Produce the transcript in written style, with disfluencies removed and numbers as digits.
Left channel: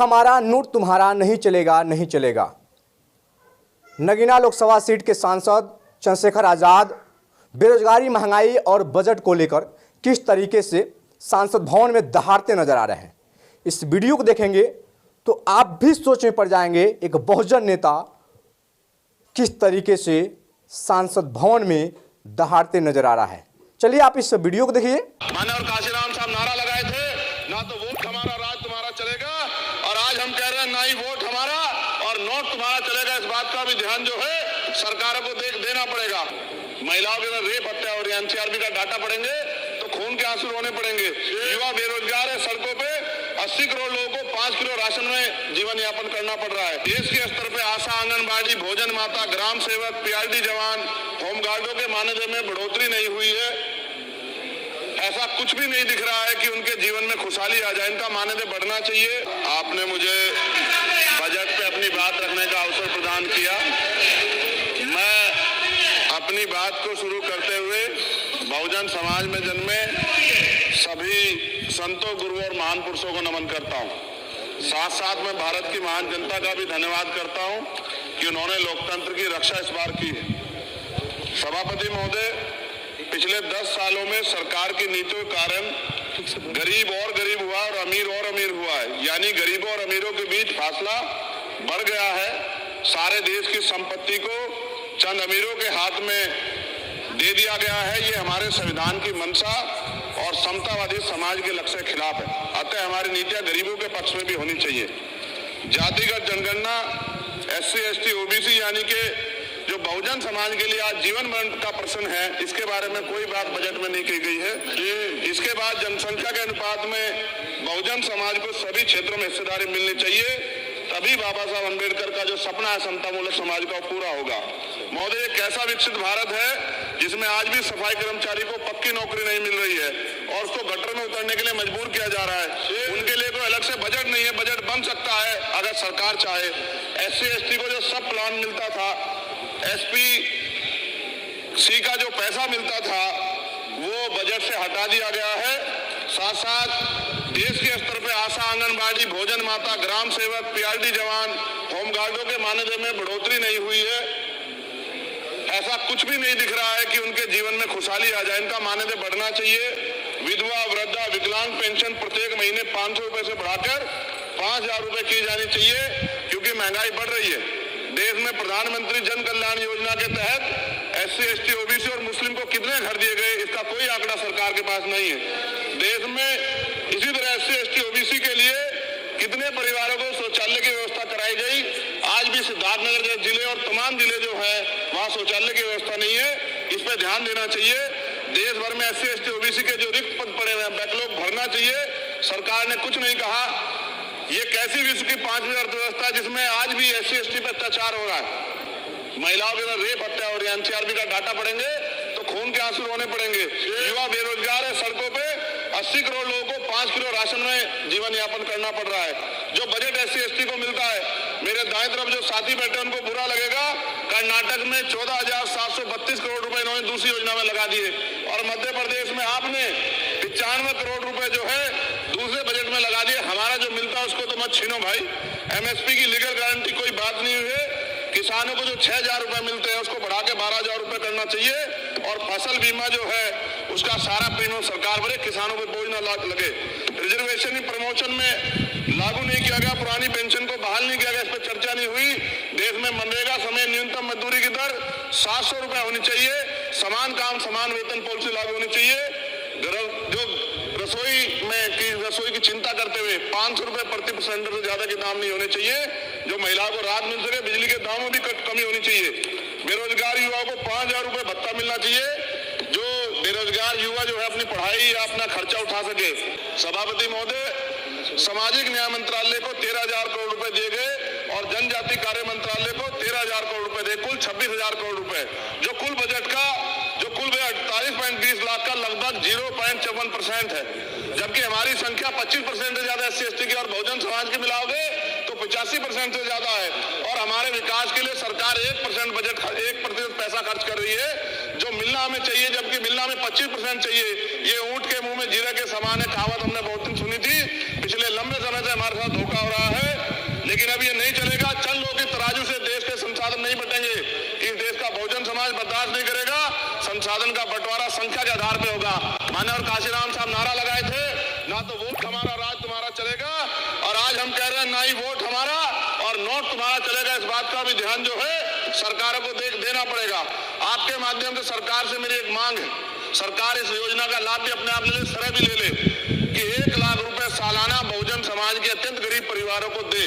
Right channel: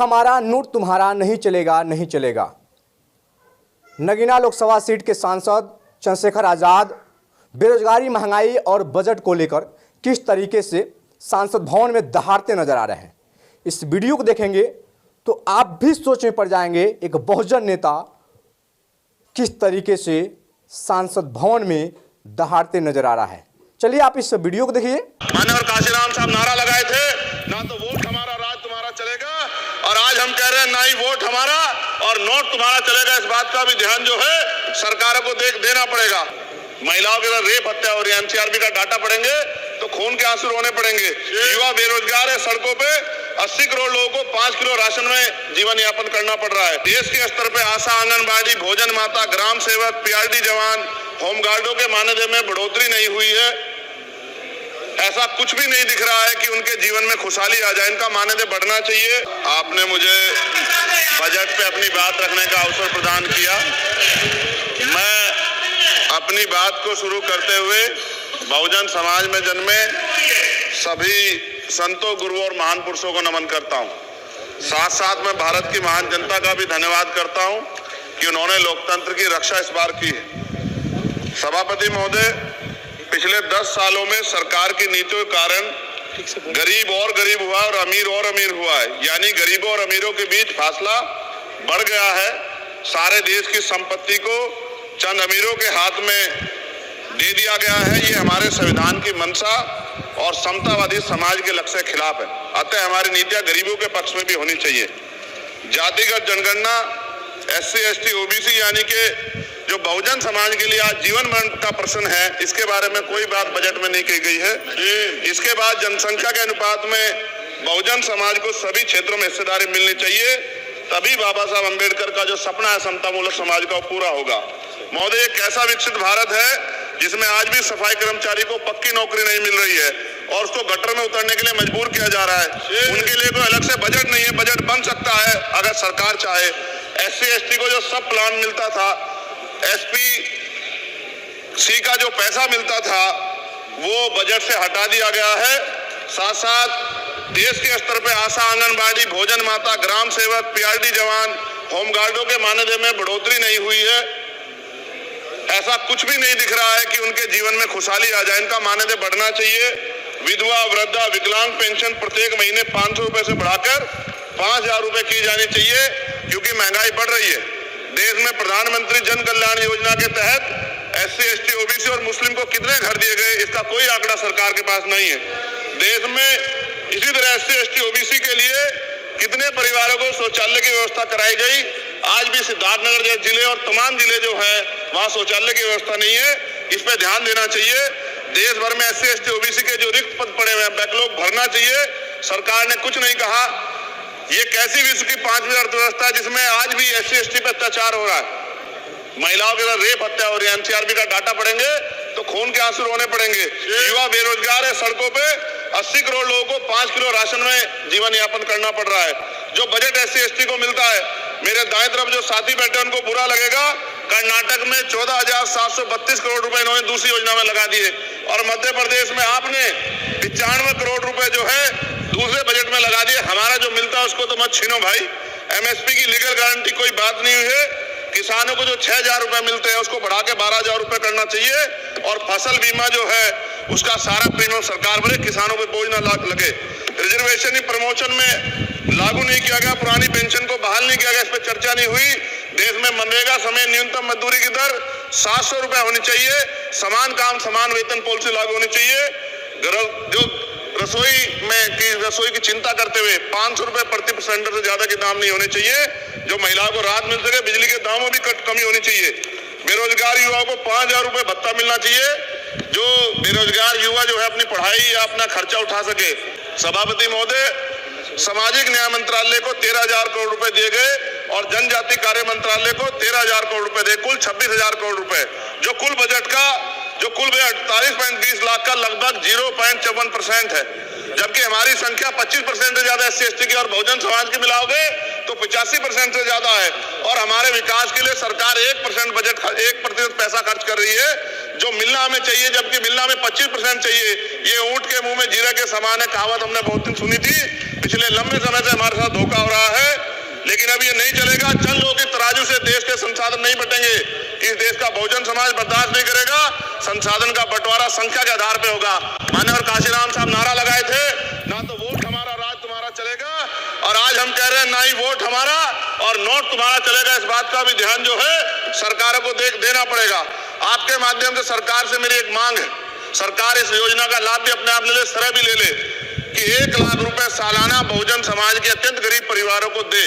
हमारा नोट तुम्हारा नहीं चलेगा, नहीं चलेगा। नगीना लोकसभा सीट के सांसद चंद्रशेखर आज़ाद बेरोजगारी, महंगाई और बजट को लेकर किस तरीके से सांसद भवन में दहाड़ते नजर आ रहे हैं। इस वीडियो को देखेंगे तो आप भी सोच में पड़ जाएंगे, एक बहुजन नेता किस तरीके से सांसद भवन में दहाड़ते नजर आ रहा है। चलिए आप इस वीडियो को देखिए। माननीय काशीराम साहब नारा लगाए थे, ना तो वोट हमारा राज तुम्हारा चलेगा, और आज हम कह रहे हैं ना ही वोट हमारा और नोट तुम्हारा चलेगा। इस बात का भी ध्यान जो है सरकारों को देना पड़ेगा। महिलाओं के साथ रेप, हत्या और एनसीआरबी का डाटा पढ़ेंगे तो खून के आंसू रोने पड़ेंगे। युवा बेरोजगार है, सड़कों पे 80 करोड़ लोगों को 5 किलो राशन में जीवन यापन करना पड़ रहा है। देश के स्तर पे आशा, आंगनबाड़ी, भोजन माता, ग्राम सेवक, पीआरडी जवान, होमगार्डों के मानदेय में बढ़ोतरी नहीं हुई है। ऐसा कुछ भी नहीं दिख रहा है कि उनके जीवन में खुशहाली आ जाए। इनका मानदेय बढ़ना चाहिए। आपने मुझे बजट पे अपनी बात रखने का अवसर प्रदान किया। मैं अपनी बात को शुरू करते हुए बहुजन समाज में जन्मे सभी संतों, गुरुओं और महान पुरुषों को नमन करता हूं। साथ साथ मैं भारत की महान जनता का भी धन्यवाद करता हूं कि उन्होंने लोकतंत्र की रक्षा इस बार की है। सभापति महोदय, पिछले 10 सालों में सरकार की नीतियों के कारण गरीब और गरीब हुआ और अमीर हुआ है। यानी गरीबों और अमीरों के बीच फासला बढ़ गया है। सारे देश की संपत्ति को चंद अमीरों के हाथ में दे दिया गया है। ये हमारे संविधान की मंशा और समतावादी समाज के लक्ष्य के खिलाफ है। अतः हमारी नीतियां गरीबों के पक्ष में भी होनी चाहिए। जातिगत जनगणना, SC, ST, OBC यानी कि जो बहुजन समाज के लिए आज जीवन मरण का प्रश्न है, इसके बारे में कोई बात बजट में नहीं की गई है। इसके बाद जनसंख्या के अनुपात में बहुजन समाज को सभी क्षेत्रों में हिस्सेदारी मिलनी चाहिए, तभी बाबा साहब अम्बेडकर का जो सपना है समतामूलक समाज का पूरा होगा। महोदय, एक ऐसा विकसित भारत है जिसमें आज भी सफाई कर्मचारी को पक्की नौकरी नहीं मिल रही है और उसको गटर में उतरने के लिए मजबूर किया जा रहा है। उनके लिए कोई अलग से बजट नहीं है। बजट बन सकता है अगर सरकार चाहे। SC, ST को जो सब प्लान मिलता था, SPC का जो पैसा मिलता था, वो बजट से हटा दिया गया है। साथ साथ देश के स्तर पे आशा, आंगनबाड़ी, भोजन माता, ग्राम सेवक, पीआरडी जवान, होमगार्डों के मानदेय में बढ़ोतरी नहीं हुई है। ऐसा कुछ भी नहीं दिख रहा है कि उनके जीवन में खुशहाली आ जाए। इनका मानदेय बढ़ना चाहिए। विधवा, वृद्धा, विकलांग पेंशन प्रत्येक महीने 500 रुपए से बढ़ाकर 5000 रुपए की जानी चाहिए, क्योंकि महंगाई बढ़ रही है। देश में प्रधानमंत्री जन कल्याण योजना के तहत SC, ST, OBC और मुस्लिम को कितने घर दिए गए, इसका कोई आंकड़ा सरकार के पास नहीं है। देश में इसी तरह SC, ST, OBC के लिए कितने परिवारों को शौचालय की व्यवस्था कराई गई। आज भी सिद्धार्थनगर जैसे जिले और तमाम जिले जो है वहां शौचालय की व्यवस्था नहीं है। इस पर ध्यान देना चाहिए। देश भर में SC, ST, OBC के जो रिक्त पद पड़े हुए हैं, बैकलॉग भरना चाहिए। सरकार ने कुछ नहीं कहा। ये कैसी विश्व की 5वीं अर्थव्यवस्था है जिसमें आज भी SC, ST पे अत्याचार हो रहा है। महिलाओं के साथ रेप, हत्या और एनसीआरबी का डाटा पढ़ेंगे तो खून के आंसू रोने पड़ेंगे। युवा बेरोजगार है, सड़कों पे 80 करोड़ लोगों को 5 किलो राशन में जीवन यापन करना पड़ रहा है। जो बजट SC, ST को मिलता है, मेरे दाएं तरफ जो साथी बैठे उनको बुरा लगेगा, कर्नाटक में 14,732 करोड़ रुपए इन्होंने दूसरी योजना में लगा दिए और मध्य प्रदेश में आपने 95 करोड़ रुपए जो है दूसरे बजट में लगा दिए। हमारा जो मिलता है उसको तो मत छीनो भाई। MSP की लीगल गारंटी कोई बात नहीं हुई है। किसानों को जो 6,000 रुपए मिलते हैं उसको बढ़ा के 12,000 रुपए करना चाहिए और फसल बीमा जो है उसका सारा प्रीमियम सरकार भरे, किसानों पे बोझ ना लगे। रिजर्वेशन प्रमोशन में लागू नहीं किया गया, पुरानी पेंशन को बहाल नहीं किया गया, इस पर चर्चा नहीं हुई। देश में मनरेगा समय न्यूनतम मजदूरी की दर 700 रुपए होनी चाहिए। समान काम समान वेतन पॉलिसी लागू होनी चाहिए। जो रसोई की चिंता करते हुए 500 रुपए प्रति सिलेंडर से ज्यादा के दाम नहीं होने चाहिए, जो महिलाओं को राहत मिल सके। बिजली के दामों में भी कमी होनी चाहिए। बेरोजगार युवाओं को 5,000 रुपए भत्ता मिलना चाहिए, जो बेरोजगार युवा जो है अपनी पढ़ाई या अपना खर्चा उठा सके। सभापति महोदय, सामाजिक न्याय मंत्रालय को 13,000 करोड़ रुपए दिए गए और जनजाति कार्य मंत्रालय को 13,000 करोड़ रुपए दिए, कुल 26,000 करोड़ रुपए, जो कुल बजट 48.20 लाख का लगभग 0.54% है। जबकि हमारी संख्या 25% से ज्यादा SC, ST की और बहुजन समाज की मिलाओगे तो 85% से ज्यादा है। और हमारे विकास के लिए सरकार 1% बजट 1% पैसा खर्च कर रही है, जो मिलना हमें चाहिए, जबकि मिलना हमें 25% चाहिए। ये ऊंट के मुंह में जीरा के समान है, कहावत हमने बहुत दिन सुनी थी। पिछले लंबे समय से हमारे साथ धोखा हो रहा है। लेकिन अब ये नहीं चलेगा। चंद लोगों के तराजू से देश के संसाधन नहीं बटेंगे। इस देश का बहुजन समाज बर्दाश्त नहीं करेगा। संसाधन का बंटवारा संख्या के आधार पे होगा। माननीय काशीराम साहब नारा लगाए थे, ना तो वोट हमारा राज तुम्हारा चलेगा, और आज हम कह रहे हैं ना ही वोट हमारा और नोट तुम्हारा चलेगा। इस बात का भी ध्यान जो है सरकारों को देना पड़ेगा। आपके माध्यम से सरकार से मेरी एक मांग है, सरकार इस योजना का लाभ भी अपने आप ले ले, सरह भी ले ले कि 1 लाख रुपए सालाना बहुजन समाज के अत्यंत गरीब परिवारों को दे।